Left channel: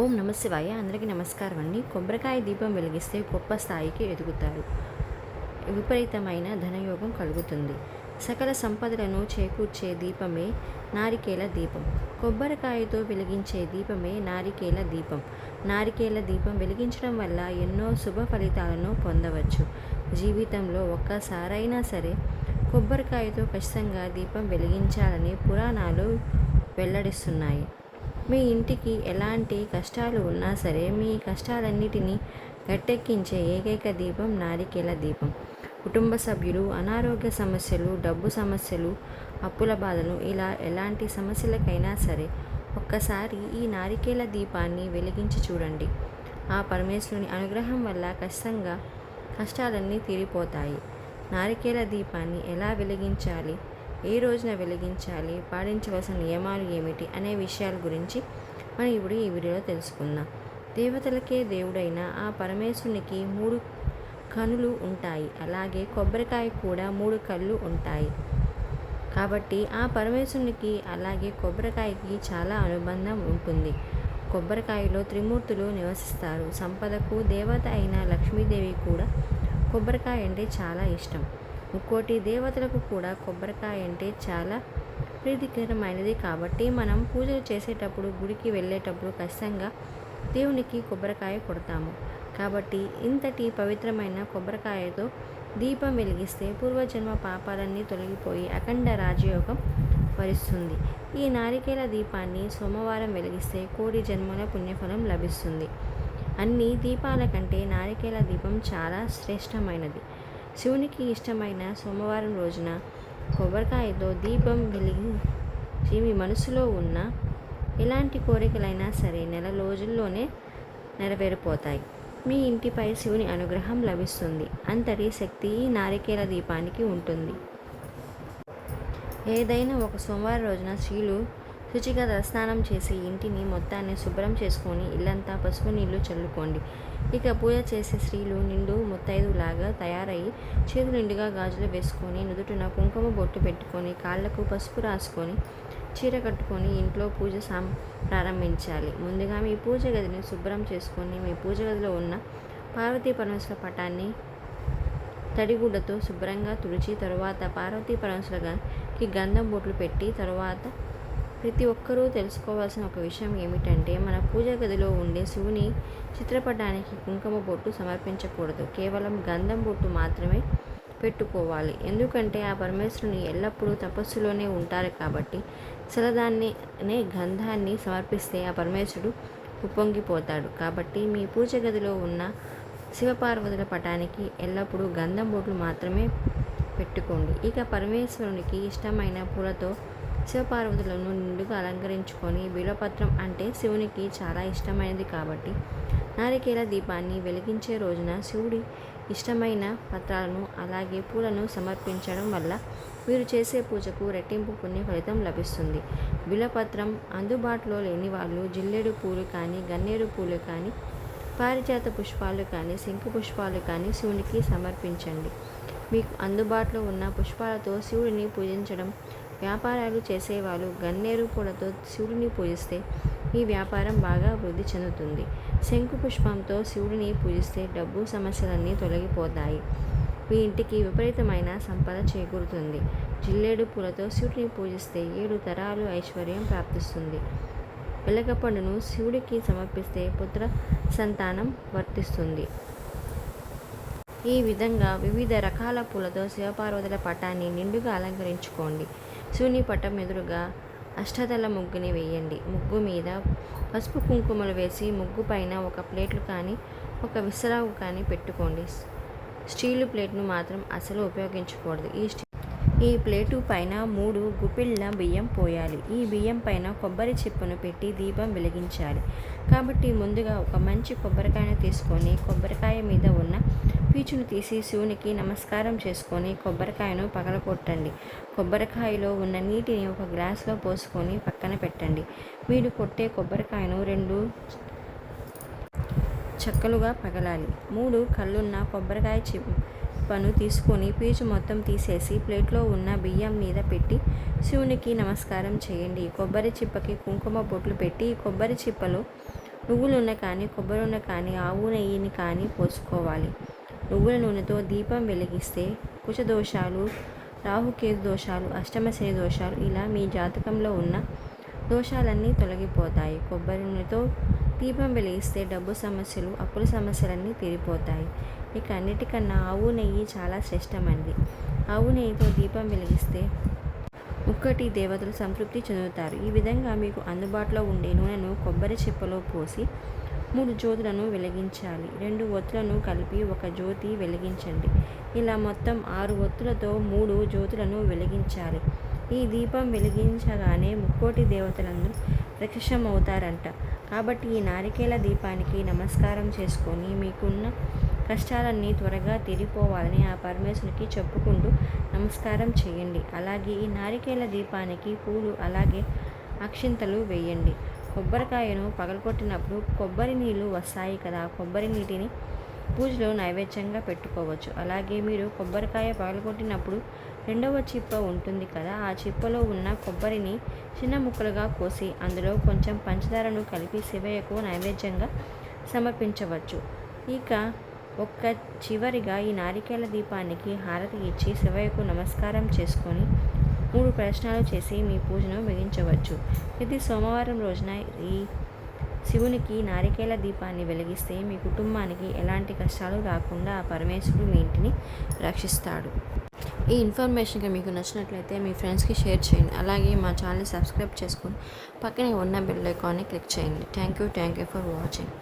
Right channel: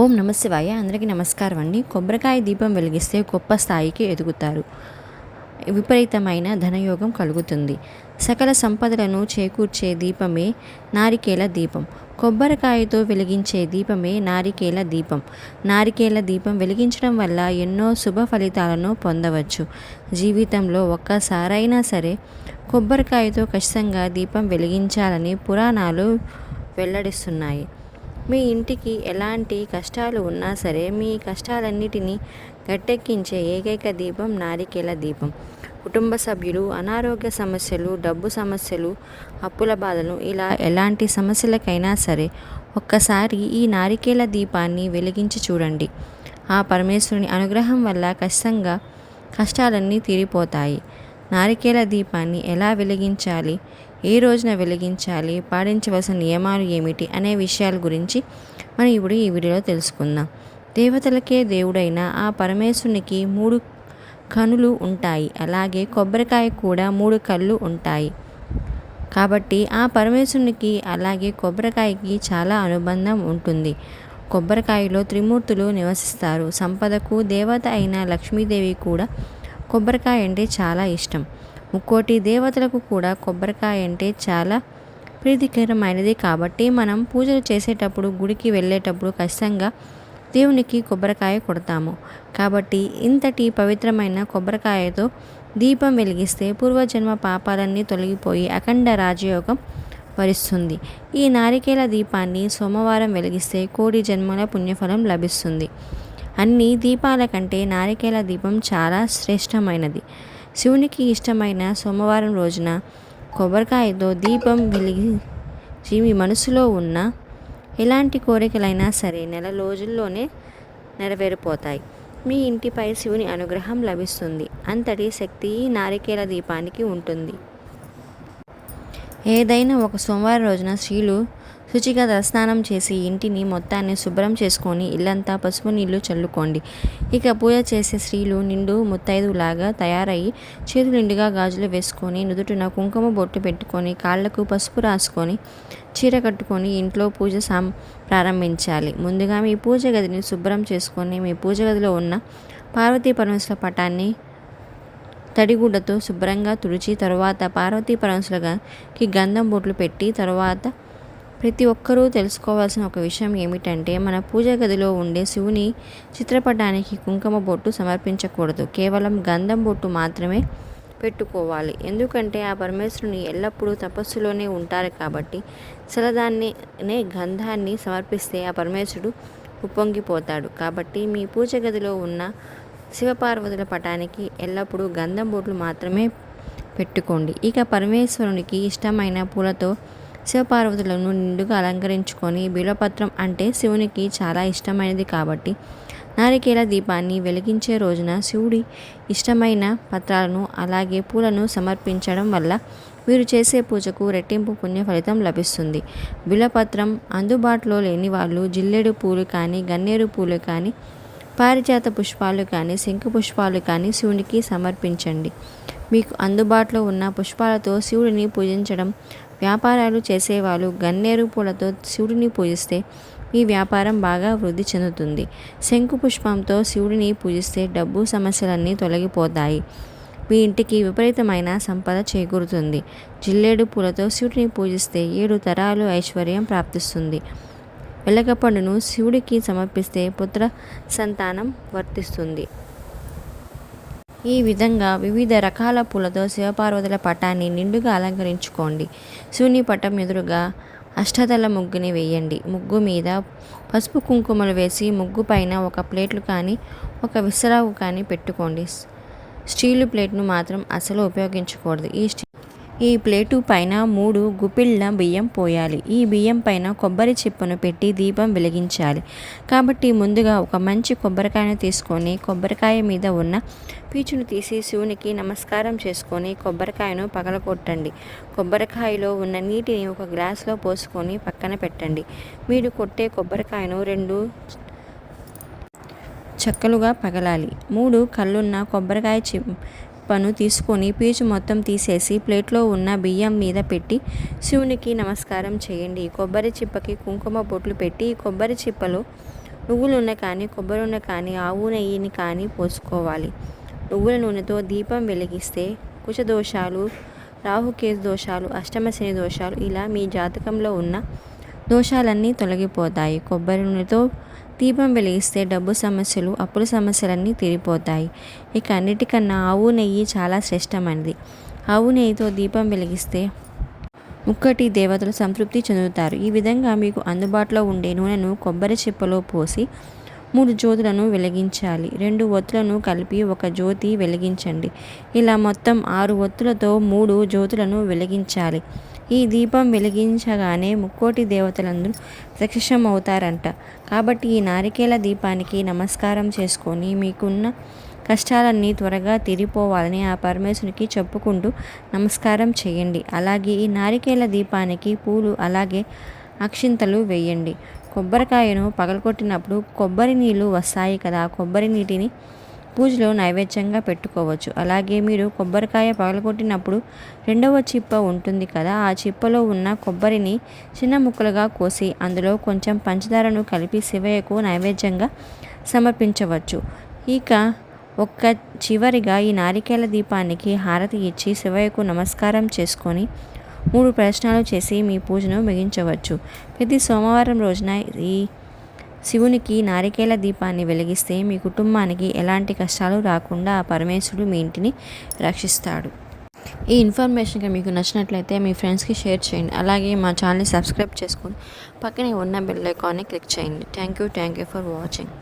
ఓం నమశివాయ అందరికీ నమస్కారం అండి. కొబ్బరికాయ దీపం వెలిగిస్తే గొప్ప స్థాయికి ఎదుగుతారు. విపరీతమైన ధనయోగం కలుగుతుంది. సకల సంపదలను చేకూర్చే దీపమే నారికేల దీపం. కొబ్బరికాయతో వెలిగించే దీపమే నారికేల దీపం. నారికేల దీపం వెలిగించడం వల్ల ఎన్నో శుభ ఫలితాలను పొందవచ్చు. జీవితంలో ఒక్కసారైనా సరే కొబ్బరికాయతో ఖచ్చితంగా దీపం వెలిగించాలని పురాణాలు వెల్లడిస్తున్నాయి. మీ ఇంటికి ఎలాంటి కష్టాలు ఉన్నా సరే మీ కష్టాలన్నిటినీ గట్టెక్కించే ఏకైక దీపం నారికేల దీపం. కుటుంబ సభ్యులు అనారోగ్య సమస్యలు డబ్బు సమస్యలు అప్పుల బాధలు ఇలా ఎలాంటి సమస్యలకైనా సరే ఒక్కసారి ఈ నారికేల దీపాన్ని వెలిగించి చూడండి. ఆ పరమేశ్వరుని అనుగ్రహం వల్ల ఖచ్చితంగా కష్టాలన్నీ తీరిపోతాయి. నారికేల దీపాన్ని ఎలా వెలిగించాలి? ఏ రోజున వెలిగించాలి? పాటించవలసిన నియమాలు ఏమిటి? అనే విషయాల గురించి మనం ఇప్పుడు ఈ వీడియోలో తెలుసుకుందాం. దేవతలకే దేవుడైన ఆ పరమేశ్వరునికి మూడు కనులు ఉంటాయి. అలాగే కొబ్బరికాయ కూడా మూడు కళ్ళు ఉంటాయి. కాబట్టి ఆ పరమేశ్వరునికి అలాగే కొబ్బరికాయకి చాలా అనుబంధం ఉంటుంది. కొబ్బరికాయలో త్రిమూర్తులు నివసిస్తారు. సంపదకు దేవత అయిన లక్ష్మీదేవి కూడా కొబ్బరికాయ అంటే చాలా ఇష్టం. ముక్కోటి దేవతలకు కూడా కొబ్బరికాయ అంటే చాలా ప్రీతికరమైనది. కాబట్టి మనం పూజలు చేసేటప్పుడు గుడికి వెళ్ళేటప్పుడు ఖచ్చితంగా దేవునికి కొబ్బరికాయ కొడతాము. కాబట్టి ఇంతటి పవిత్రమైన కొబ్బరికాయతో దీపం వెలిగిస్తే పూర్వజన్మ పాపాలన్నీ తొలగిపోయి అఖండ రాజయోగం వరిస్తుంది. ఈ నారికేల దీపాన్ని సోమవారం వెలిగిస్తే కోడి జన్మల పుణ్యఫలం లభిస్తుంది. అన్ని దీపాల కంటే నారికేల దీపం చాలా శ్రేష్టమైనది. శివునికి ఇష్టమైన సోమవారం రోజున కొబ్బరికాయతో దీపం వెలిగించి మీ మనసులో ఉన్న ఎలాంటి కోరికలైనా సరే నెల రోజుల్లోనే నెరవేరిపోతాయి. మీ ఇంటిపై శివుని అనుగ్రహం లభిస్తుంది. అంతటి శక్తి ఈ నారికేల దీపానికి ఉంటుంది. ఏదైనా ఒక సోమవారం రోజున స్త్రీలు శుచిగా తలస్నానం చేసి ఇంటిని మొత్తాన్ని శుభ్రం చేసుకొని ఇల్లంతా పసుపు నీళ్ళు చల్లుకోండి. ఇక పూజ చేసే స్త్రీలు నిండు ముత్తైదులాగా తయారయ్యి చేతులు నిండుగా గాజులు వేసుకొని నుదుటిన కుంకుమ బొట్టు పెట్టుకొని కాళ్ళకు పసుపు రాసుకొని చీర కట్టుకొని ఇంట్లో పూజ సాం ప్రారంభించాలి. ముందుగా మీ పూజ గదిని శుభ్రం చేసుకొని మీ పూజ గదిలో ఉన్న పార్వతీ పరమేశ్వర పటాన్ని తడిగుడ్డతో శుభ్రంగా తుడిచి తరువాత పార్వతీ పరమేశ్వరకి గంధం బొట్లు పెట్టి తరువాత ప్రతి ఒక్కరూ తెలుసుకోవాల్సిన ఒక విషయం ఏమిటంటే మన పూజ గదిలో ఉండే శివుని చిత్రపటానికి కుంకుమ బొట్టు సమర్పించకూడదు. కేవలం గంధం బొట్టు మాత్రమే పెట్టుకోవాలి. ఎందుకంటే ఆ పరమేశ్వరుని ఎల్లప్పుడూ తపస్సులోనే ఉంటారు కాబట్టి శలదాన్నే గంధాన్ని సమర్పిస్తే ఆ పరమేశ్వరుడు ఉప్పొంగిపోతాడు. కాబట్టి మీ పూజ గదిలో ఉన్న శివపార్వతుల పటానికి ఎల్లప్పుడూ గంధం బొట్లు మాత్రమే పెట్టుకోండి. ఇక పరమేశ్వరునికి ఇష్టమైన పూలతో శివపార్వతులను నిండుగా అలంకరించుకొని బిలపత్రం అంటే శివునికి చాలా ఇష్టమైనది కాబట్టి నారికేల దీపాన్ని వెలిగించే రోజున శివుడి ఇష్టమైన పత్రాలను అలాగే పూలను సమర్పించడం వల్ల మీరు చేసే పూజకు రెట్టింపు పుణ్య ఫలితం లభిస్తుంది. బిలపత్రం అందుబాటులో లేని వాళ్ళు జిల్లేడు పూలు కానీ గన్నేరు పూలు కానీ పారిజాత పుష్పాలు కానీ శంకు పుష్పాలు కానీ శివునికి సమర్పించండి. మీకు అందుబాటులో ఉన్న పుష్పాలతో శివుడిని పూజించడం వ్యాపారాలు చేసేవాళ్ళు గన్నేరు పూలతో శివుడిని పూజిస్తే మీ వ్యాపారం బాగా వృద్ధి చెందుతుంది. శంకు పుష్పంతో శివుడిని పూజిస్తే డబ్బు సమస్యలన్నీ తొలగిపోతాయి. మీ ఇంటికి విపరీతమైన సంపద చేకూరుతుంది. జిల్లేడు పూలతో శివుడిని పూజిస్తే ఏడు తరాలు ఐశ్వర్యం ప్రాప్తిస్తుంది. వెలగపండును శివుడికి సమర్పిస్తే పుత్ర సంతానం వర్తిస్తుంది. ఈ విధంగా వివిధ రకాల పూలతో శివపార్వతుల పటాన్ని నిండుగా అలంకరించుకోండి. శివుని పటం ఎదురుగా అష్టదళ ముగ్గుని వేయండి. ముగ్గు మీద పసుపు కుంకుమలు వేసి ముగ్గు పైన ఒక ప్లేట్లు కానీ ఒక విసరావు కానీ పెట్టుకోండి. స్టీలు ప్లేట్ను మాత్రం అసలు ఉపయోగించకూడదు. ఈ స్టీ ఈ ప్లేటు పైన మూడు గుప్పిళ్ళ బియ్యం పోయాలి. ఈ బియ్యం పైన కొబ్బరి చిప్పను పెట్టి దీపం వెలిగించాలి. కాబట్టి ముందుగా ఒక మంచి కొబ్బరికాయను తీసుకొని కొబ్బరికాయ మీద ఉన్న పీచును తీసి శివునికి నమస్కారం చేసుకొని కొబ్బరికాయను పగలకొట్టండి కొబ్బరికాయలో ఉన్న నీటిని ఒక గ్లాస్లో పోసుకొని పక్కన పెట్టండి. మీరు కొట్టే కొబ్బరికాయను రెండు చక్కలుగా పగలాలి. మూడు కళ్ళున్న కొబ్బరికాయ చిప్పను తీసుకొని పీచు మొత్తం తీసేసి ప్లేట్లో ఉన్న బియ్యం మీద పెట్టి శివునికి నమస్కారం చేయండి. కొబ్బరి చిప్పకి కుంకుమ బొట్లు పెట్టి కొబ్బరి చిప్పలో నువ్వులు ఉన్న కానీ కొబ్బరి ఉన్న కానీ ఆవు నెయ్యిని కానీ పోసుకోవాలి. నువ్వుల నూనెతో దీపం వెలిగిస్తే కుశదోషాలు రాహుకేతు దోషాలు అష్టమశని దోషాలు ఇలా మీ జాతకంలో ఉన్న దోషాలన్నీ తొలగిపోతాయి. కొబ్బరి నూనెతో దీపం వెలిగిస్తే డబ్బు సమస్యలు అప్పుల సమస్యలన్నీ తీరిపోతాయి. ఇక అన్నిటికన్నా ఆవు నెయ్యి చాలా శ్రేష్టమైనది. ఆవు నెయ్యితో దీపం వెలిగిస్తే ముక్కటి దేవతలు సంతృప్తి చెందుతారు. ఈ విధంగా మీకు అందుబాటులో ఉండే నూనెను కొబ్బరి చిప్పలో పోసి మూడు జ్యోతులను వెలిగించాలి. రెండు ఒత్తులను కలిపి ఒక జ్యోతి వెలిగించండి. ఇలా మొత్తం ఆరు ఒత్తులతో మూడు జ్యోతులను వెలిగించాలి. ఈ దీపం వెలిగించగానే ముక్కోటి దేవతలందరూ ప్రత్యక్షమవుతారంట. కాబట్టి ఈ నారికేల దీపానికి నమస్కారం చేసుకొని మీకున్న కష్టాలన్నీ త్వరగా తీరిపోవాలని ఆ పరమేశ్వరికి చెప్పుకుంటూ నమస్కారం చేయండి. అలాగే ఈ నారికేల దీపానికి పూలు అలాగే అక్షింతలు వేయండి. కొబ్బరికాయను పగలగొట్టినప్పుడు కొబ్బరి నీళ్ళు వస్తాయి కదా కొబ్బరి నీటిని పూజలో నైవేద్యంగా పెట్టుకోవచ్చు. అలాగే మీరు కొబ్బరికాయ పగలగొట్టినప్పుడు రెండవ చిప్ప ఉంటుంది కదా ఆ చిప్పలో ఉన్న కొబ్బరిని చిన్న ముక్కలుగా కోసి అందులో కొంచెం పంచదారను కలిపి శివయ్యకు నైవేద్యంగా సమర్పించవచ్చు. ఇక ఒక్క చివరిగా ఈ నారికేల దీపానికి హారతి ఇచ్చి శివయ్యకు నమస్కారం చేసుకొని మూడు ప్రశ్నలు చేసి మీ పూజను ముగించవచ్చు. ప్రతి సోమవారం రోజున ఈ శివునికి నారికేల దీపాన్ని వెలిగిస్తే మీ కుటుంబానికి ఎలాంటి కష్టాలు రాకుండా ఆ పరమేశ్వరుడు మీ ఇంటిని రక్షిస్తాడు. ఈ ఇన్ఫర్మేషన్ మీకు నచ్చినట్లయితే మీ ఫ్రెండ్స్కి షేర్ చేయండి. అలాగే మా ఛానల్ని సబ్స్క్రైబ్ చేసుకొని పక్కనే ఉన్న బెల్ ఐకాన్ని క్లిక్ చేయండి. Thank you thank you for watching.